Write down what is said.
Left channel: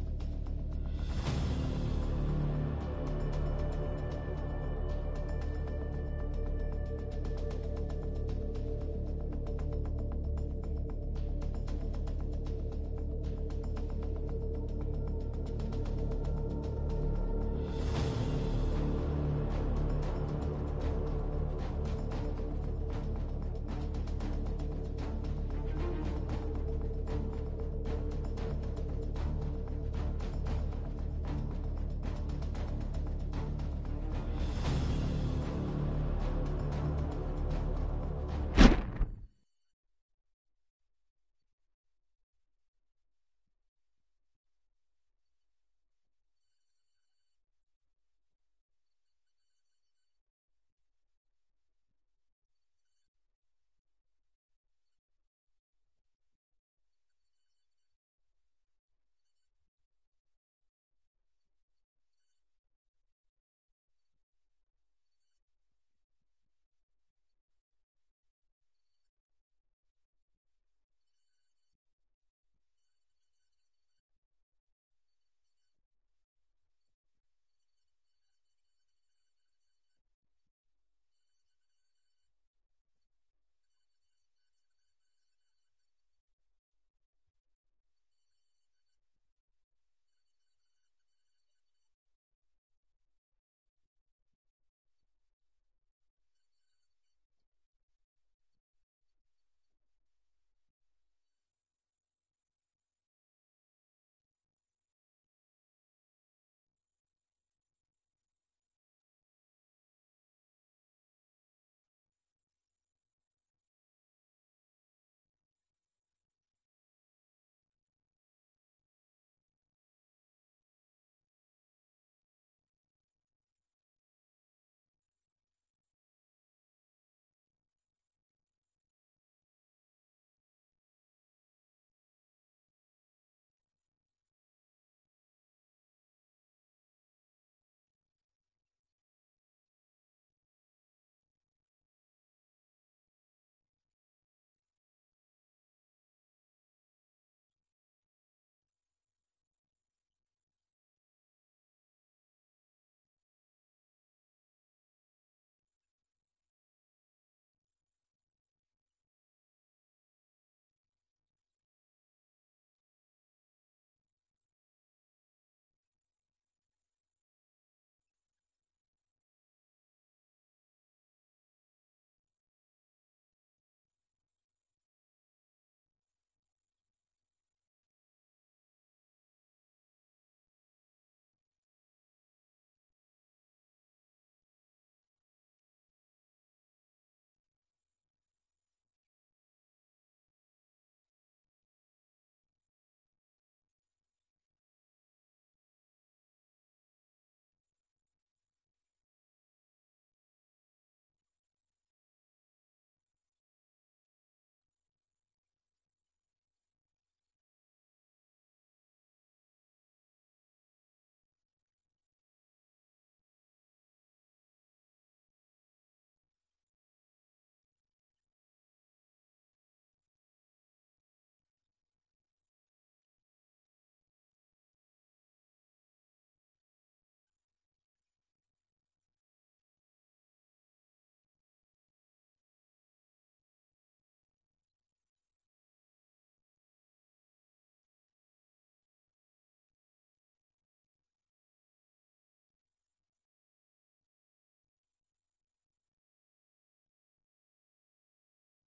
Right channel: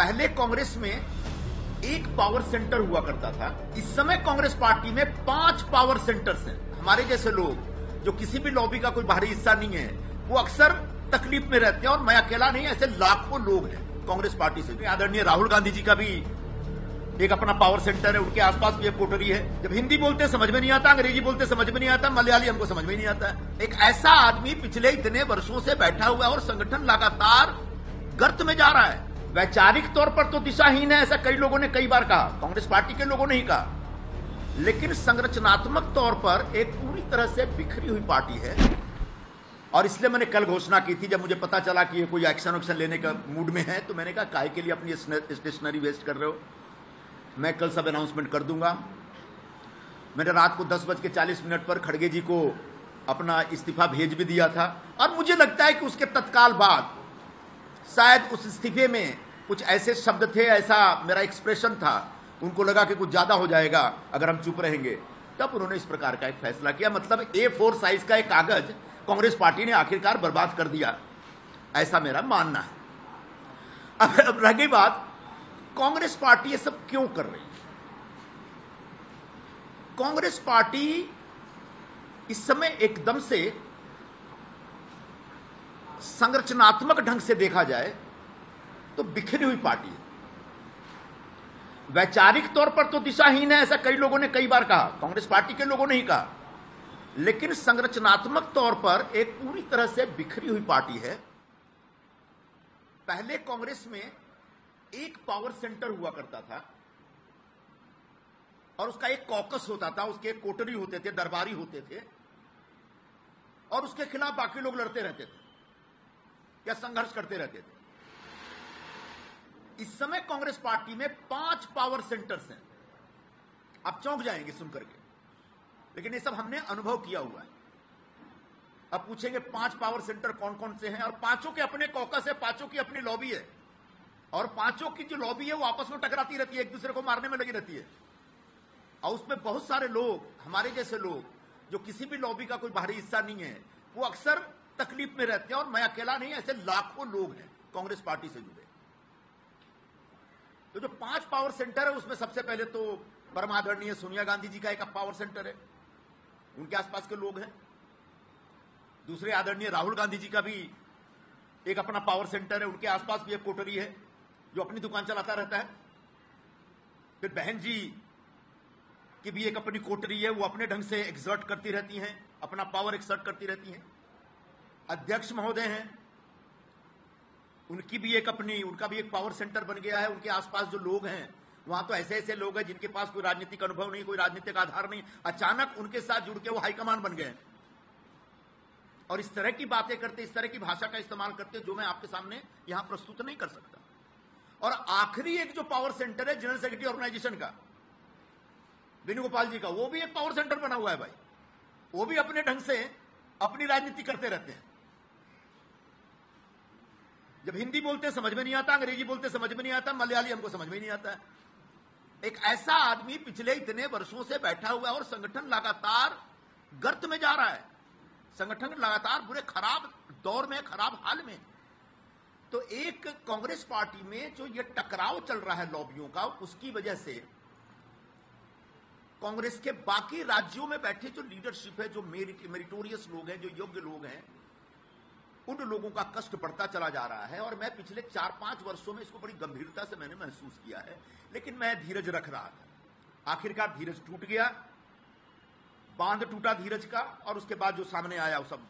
पहले कांग्रेस में एक पावर सेंटर हुआ करता था। इस समय कांग्रेस पार्टी में 5 पावर सेंटर्स हैं। हमारे जैसे लोग जो किसी भी लॉबी का कोई बाहरी हिस्सा नहीं है, वो अक्सर तकलीफ में रहते हैं, और मैं अकेला नहीं, ऐसे लाखों लोग हैं कांग्रेस पार्टी से। आदरणीय राहुल गांधी जी का भी एक अपना पावर सेंटर है, उनके आसपास भी एक कोटरी है। जब हिंदी बोलते समझ में नहीं आता, अंग्रेजी बोलते समझ में नहीं आता, मलयाली हमको समझ में नहीं आता। एक ऐसा आदमी पिछले इतने वर्षों से बैठा हुआ है और संगठन लगातार गर्त में जा रहा है। वैचारिक तौर पर तो दिशाहीन है, ऐसा कई लोगों ने कई बार कहा, कांग्रेस पार्टी के लोगों ने ही कहा, लेकिन संरचनात्मक तौर पर एक पूरी तरह से बिखरी हुई पार्टी है। और इसलिए मैंने कल घोषणा की थी, जब मुझे पता चला कि ये कोई एक्शन वैक्शन लेने का मूड में है, तो मैंने कहा काहे के लिए अपनी स्टेशनरी वेस्ट कर रहे हो, मैं कल सब अनाउंसमेंट कर दूंगा। मैंने रात को 10:40 पर खड़गे जी को अपना इस्तीफा भेज भी दिया था, और मुझे लगता है कि उसके तत्काल बाद शायद उस इस्तीफे में कुछ ऐसे शब्द थे, ऐसा मेरा एक्सप्रेशन था, उनको लगा कि कुछ ज्यादा हो जाएगा अगर हम चुप रहेंगे, तब उन्होंने इस प्रकार का एक फैसला किया। मतलब A4 साइज का एक कागज कांग्रेस पार्टी ने आखिरकार बर्बाद कर दिया, ऐसा मेरा मानना है। अब रह गई बात, कांग्रेस पार्टी ये सब क्यों कर रही है। कांग्रेस पार्टी इस समय एकदम से संरचनात्मक ढंग से देखा जाए तो बिखरी हुई पार्टी है। वैचारिक तौर पर तो दिशाहीन है, ऐसा कई लोगों ने कई बार कहा, कांग्रेस पार्टी के लोगों ने ही कहा, लेकिन संरचनात्मक तौर पर एक पूरी तरह से बिखरी हुई पार्टी है। पहले कांग्रेस में एक पावर सेंटर हुआ करता था, और उसका एक कॉकस होता था, उसके एक कोटरी होते थे, दरबारी होते थे, और उसके खिलाफ बाकी लोग लड़ते रहते थे या संघर्ष करते रहते थे। इस समय कांग्रेस पार्टी में 5 पावर सेंटर्स हैं। आप चौंक जाएंगे सुनकर के, लेकिन ये सब हमने अनुभव किया हुआ है। अब पूछेंगे 5 पावर सेंटर कौन कौन से हैं, और पांचों के अपने कॉकस है, पांचों की अपनी लॉबी है, और पांचों की जो लॉबी है वो आपस में टकराती रहती है, एक दूसरे को मारने में लगी रहती है। और उसमें बहुत सारे लोग, हमारे जैसे लोग जो किसी भी लॉबी का कोई बाहरी हिस्सा नहीं है, वो अक्सर तकलीफ में रहते हैं, और मैं अकेला नहीं, ऐसे लाखों लोग हैं कांग्रेस पार्टी से जुड़े। तो जो 5 पावर सेंटर है, उसमें सबसे पहले तो परमादरणीय सोनिया गांधी जी का एक पावर सेंटर है, उनके आसपास के लोग हैं। दूसरे आदरणीय राहुल गांधी जी का भी एक अपना पावर सेंटर है, उनके आसपास भी एक कोटरी है जो अपनी दुकान चलाता रहता है। फिर बहन जी की भी एक अपनी कोटरी है, वो अपने ढंग से एक्सर्ट करती रहती हैं, अपना पावर एक्सर्ट करती रहती हैं। अध्यक्ष महोदय हैं, उनका भी एक पावर सेंटर बन गया है। उनके आसपास जो लोग हैं, वहां तो ऐसे ऐसे लोग हैं जिनके पास कोई राजनीतिक अनुभव नहीं, कोई राजनीतिक आधार नहीं, अचानक उनके साथ जुड़ के वो हाईकमान बन गए, और इस तरह की बातें करते, इस तरह की भाषा का इस्तेमाल करते, जो मैं आपके सामने यहां प्रस्तुत नहीं कर सकता। और आखिरी एक जो पावर सेंटर है जनरल सेक्रेटरी ऑर्गेनाइजेशन का, वेणुगोपाल जी का, वो भी एक पावर सेंटर बना हुआ है भाई। वो भी अपने ढंग से अपनी राजनीति करते रहते हैं। जब हिंदी बोलते समझ में नहीं आता, अंग्रेजी बोलते समझ में नहीं आता, मलयाली हमको समझ में नहीं आता। एक ऐसा आदमी पिछले इतने वर्षों से बैठा हुआ है और संगठन लगातार गर्त में जा रहा है, संगठन लगातार बुरे खराब दौर में, खराब हाल में। तो एक कांग्रेस पार्टी में जो ये टकराव चल रहा है लॉबियों का, उसकी वजह से कांग्रेस के बाकी राज्यों में बैठे जो लीडरशिप है, जो मेरिटोरियस लोग हैं, जो योग्य लोग हैं, उन लोगों का कष्ट बढ़ता चला जा रहा है। और मैं पिछले 4-5 वर्षों में इसको बड़ी गंभीरता से मैंने महसूस किया है, लेकिन मैं धीरज रख रहा था। आखिरकार धीरज टूट गया, बांध टूटा धीरज का, और उसके बाद जो सामने आया वो सब